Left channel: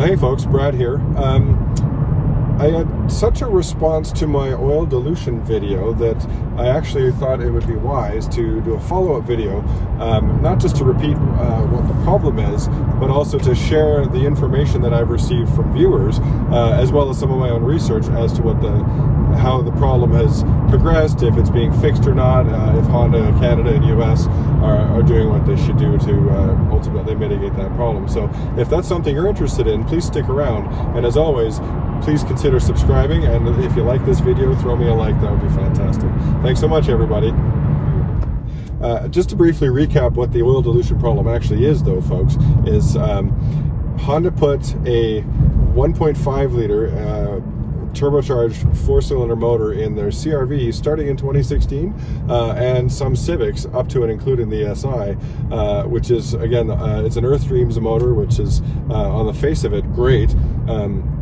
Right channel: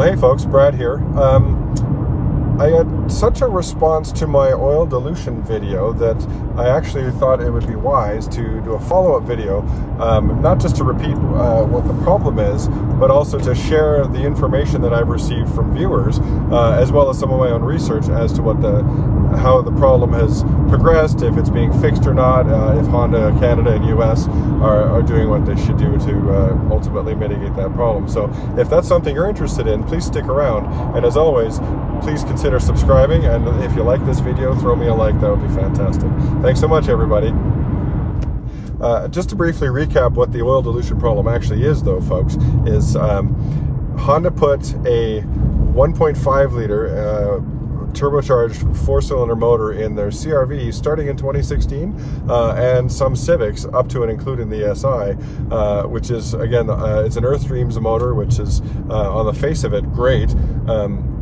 Well, hey folks, Brad here. I had such a response to my oil dilution video that I actually thought it would be wise to do a follow-up video, not just to repeat what the problem is, but also to share the information that I've received from viewers, as well as some of my own research as to what how the problem has progressed, if it's being fixed or not, if Honda Canada and US are doing what they should do to ultimately mitigate that problem. So if that's something you're interested in, please stick around, and as always, please consider subscribing, and if you like this video, throw me a like. That would be fantastic. Thanks so much, everybody. Just to briefly recap what the oil dilution problem actually is, though, folks, is Honda put a 1.5 liter turbocharged four-cylinder motor in their CR-V starting in 2016, and some Civics up to and including the SI, which is, again, it's an Earth Dreams motor, which is on the face of it great.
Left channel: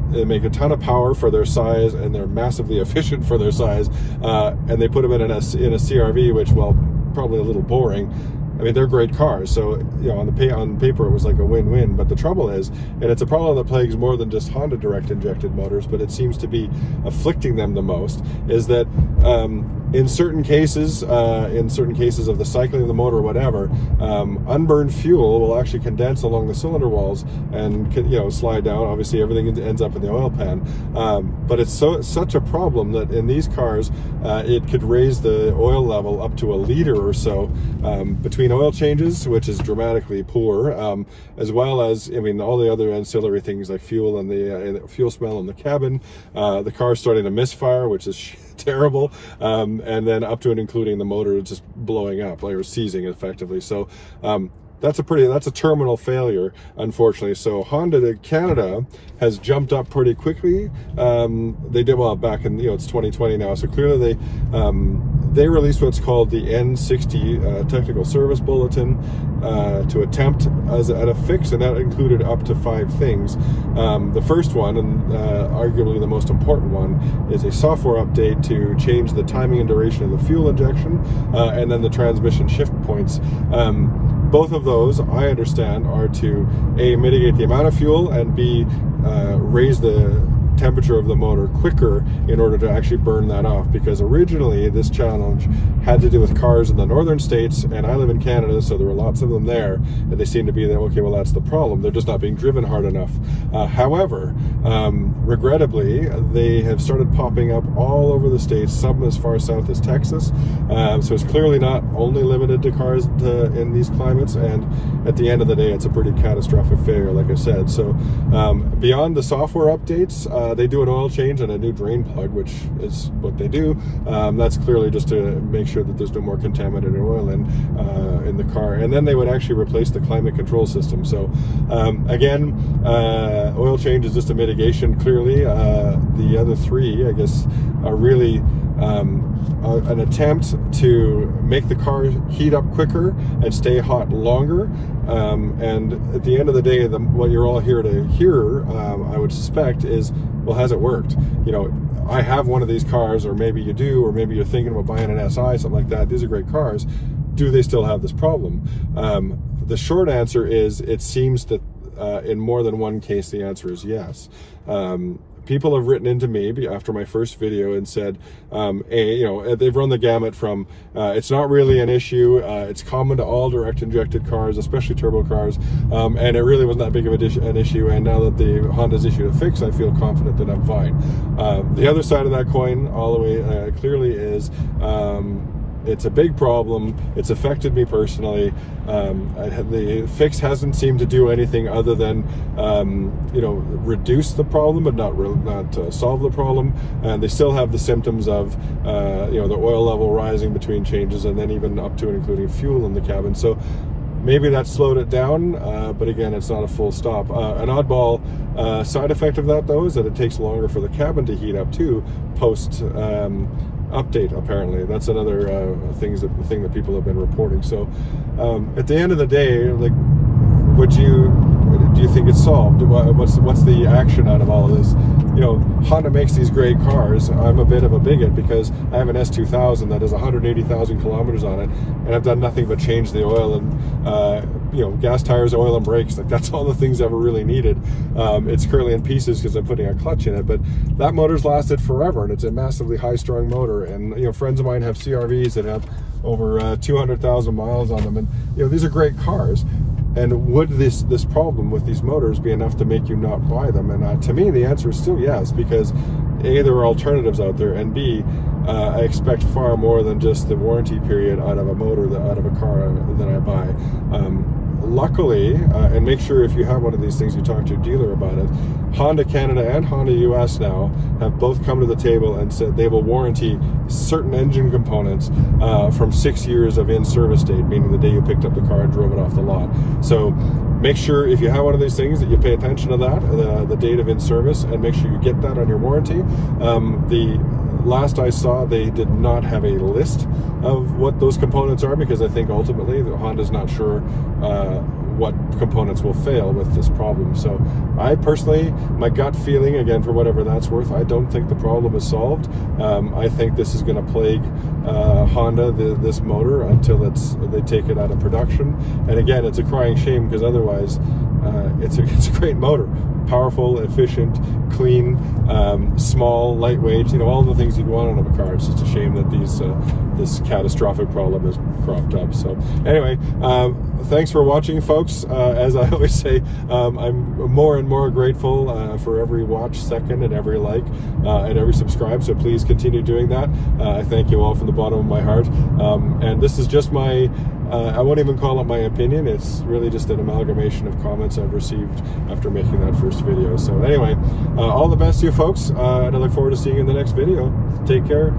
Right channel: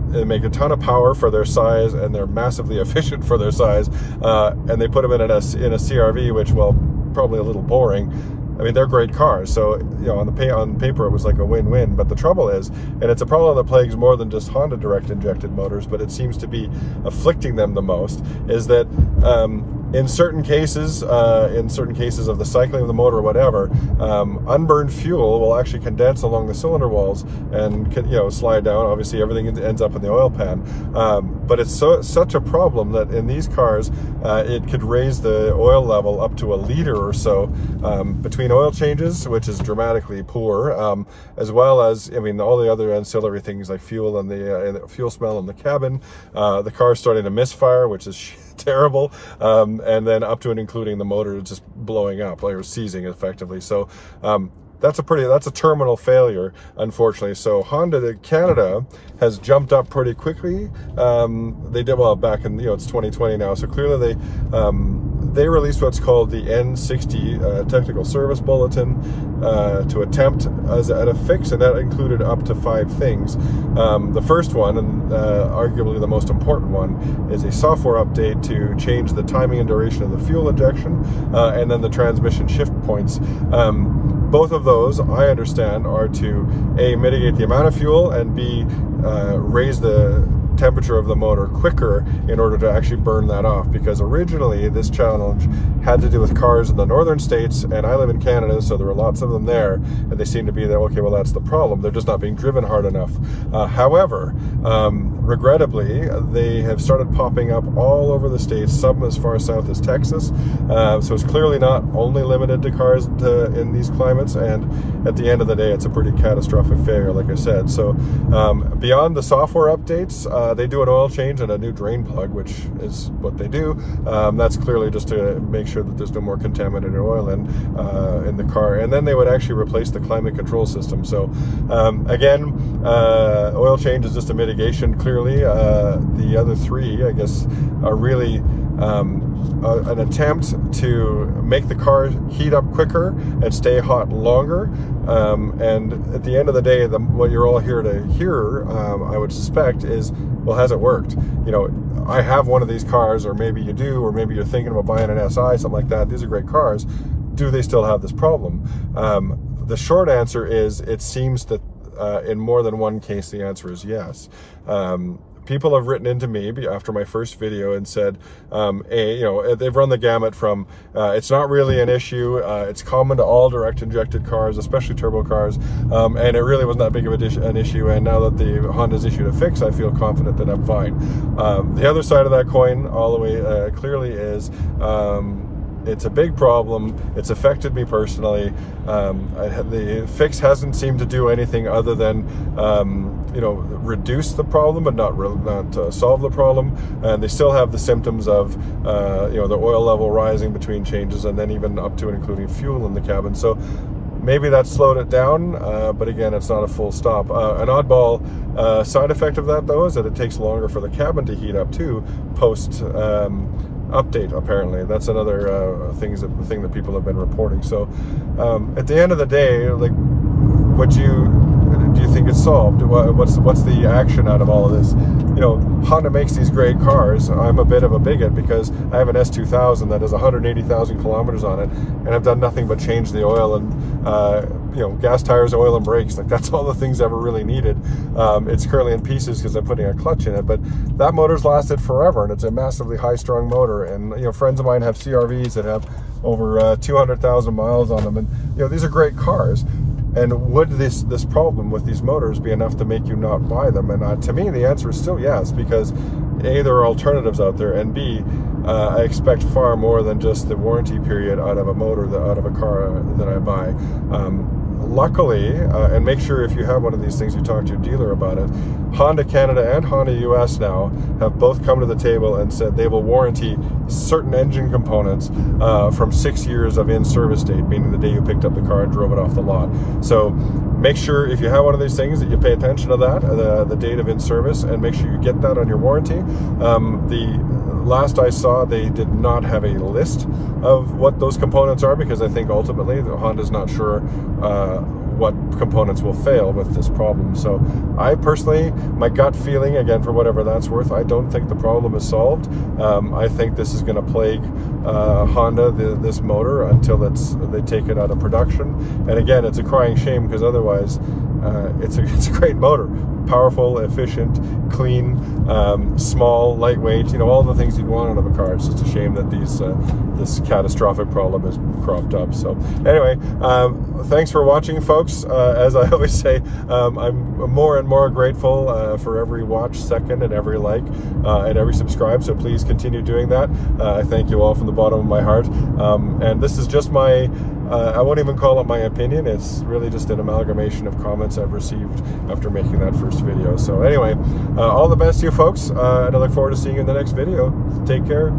They make a ton of power for their size, and they're massively efficient for their size, and they put them in a CR-V, which, well, probably a little boring. I mean, they're great cars, so, you know, on paper it was like a win-win. But the trouble is, and it's a problem that plagues more than just Honda direct injected motors, but it seems to be afflicting them the most, is that in certain cases of the cycling of the motor or whatever, unburned fuel will actually condense along the cylinder walls and can, you know, slide down. Obviously everything ends up in the oil pan, but it's such a problem that in these cars it could raise the oil level up to a liter or so between oil changes, which is dramatically poor, as well as, I mean, all the other ancillary things like fuel and the fuel smell in the cabin, the car's starting to misfire, which is terrible, and then up to and including the motor just blowing up, like, or seizing effectively. So that's a terminal failure, unfortunately. So Honda Canada has jumped up pretty quickly. They did, well, back in, you know, it's 2020 now, so clearly they released what's called the N60 Technical Service Bulletin to attempt at a fix, and that included up to 5 things. The first one, and arguably the most important one, is a software update to change the timing and duration of the fuel injection, and then the transmission shift points. Both of those, I understand, are to A, mitigate the amount of fuel, and B, raise the temperature of the motor quicker in order to actually burn that off, because originally this challenge had to do with cars in the northern states, and I live in Canada, so there were lots of them there, and they seem to be that, okay, well, that's the problem, they're just not being driven hard enough. However, regrettably, they have started popping up all over the states, some as far south as Texas, so it's clearly not only limited to cars in these climates, and at the end of the day, it's a pretty catastrophic failure, like I said. So beyond the software updates, they do an oil change and a new drain plug, which is what they do. That's clearly just to make sure that there's no more contaminated oil in the car. And then they would actually replace the climate control system. So again, oil change is just a mitigation, clearly. The other 3, I guess, are really an attempt to make the car heat up quicker and stay hot longer. And at the end of the day, what you're all here to hear, I would suspect, is, well, has it worked? You know, I have one of these cars, or maybe you do, or maybe you're thinking about buying an SI, something like that. These are great cars. Do they still have this problem? The short answer is, it seems that in more than one case, the answer is yes. People have written into me after my first video and said, you know, they've run the gamut from it's not really an issue, it's common to all direct injected cars, especially turbo cars, and it really wasn't that big of an issue, and now that the Honda's issued a fix, I feel confident that I'm fine. The other side of that coin, all the way clearly, is it's a big problem. It's affected me personally. The fix hasn't seemed to do anything other than, you know, reduce the problem, but not solve the problem. And they still have the symptoms of, you know, the oil level rising between changes, and then even up to and including fuel in the cabin. So maybe that slowed it down, but again, it's not a full stop. An oddball side effect of that, though, is that it takes longer for the cabin to heat up too, post update, apparently. That's another thing that people have been reporting. So at the end of the day, like, do do you think it's solved? What's the action out of all of this? You know, Honda makes these great cars. I'm a bit of a bigot because I have an S2000 that has 180,000 kilometers on it, and I've done nothing but change the oil and you know, gas, tires, oil, and brakes. Like, that's all the things ever really needed. It's currently in pieces because I'm putting a clutch in it, but that motor's lasted forever, and it's a massively high-strung motor. And you know, friends of mine have CRVs that have over 200,000 miles on them, and you know, these are great cars. And would this problem with these motors be enough to make you not buy them? And to me, the answer is still yes, because A, there are alternatives out there, and B, I expect far more than just the warranty period out of a motor, out of a car that I buy. Luckily, and make sure if you have one of these things, you talk to your dealer about it. Honda Canada and Honda US now have both come to the table and said they will warranty certain engine components from 6 years of in-service date, meaning the day you picked up the car and drove it off the lot. So make sure if you have one of these things that you pay attention to that, the date of in-service, and make sure you get that on your warranty. The last I saw, they did not have a list of what those components are, because I think ultimately Honda's not sure what components will fail with this problem. So I personally, my gut feeling, again, for whatever that's worth, I don't think the problem is solved. I think this is going to plague Honda, this motor, until they take it out of production. And again, it's a crying shame, because otherwise it's a great motor. Powerful, efficient, clean, small, lightweight, you know, all the things you'd want out of a car. It's just a shame that this catastrophic problem has cropped up. So anyway, thanks for watching, folks. As I always say, I'm more and more grateful for every watch second and every like and every subscribe, so please continue doing that. I thank you all from the bottom of my heart. And this is just my, I won't even call it my opinion, it's really just an amalgamation of comments I've received after making that first video. So anyway, all the best to you folks, and I look forward to seeing you in the next video. Take care.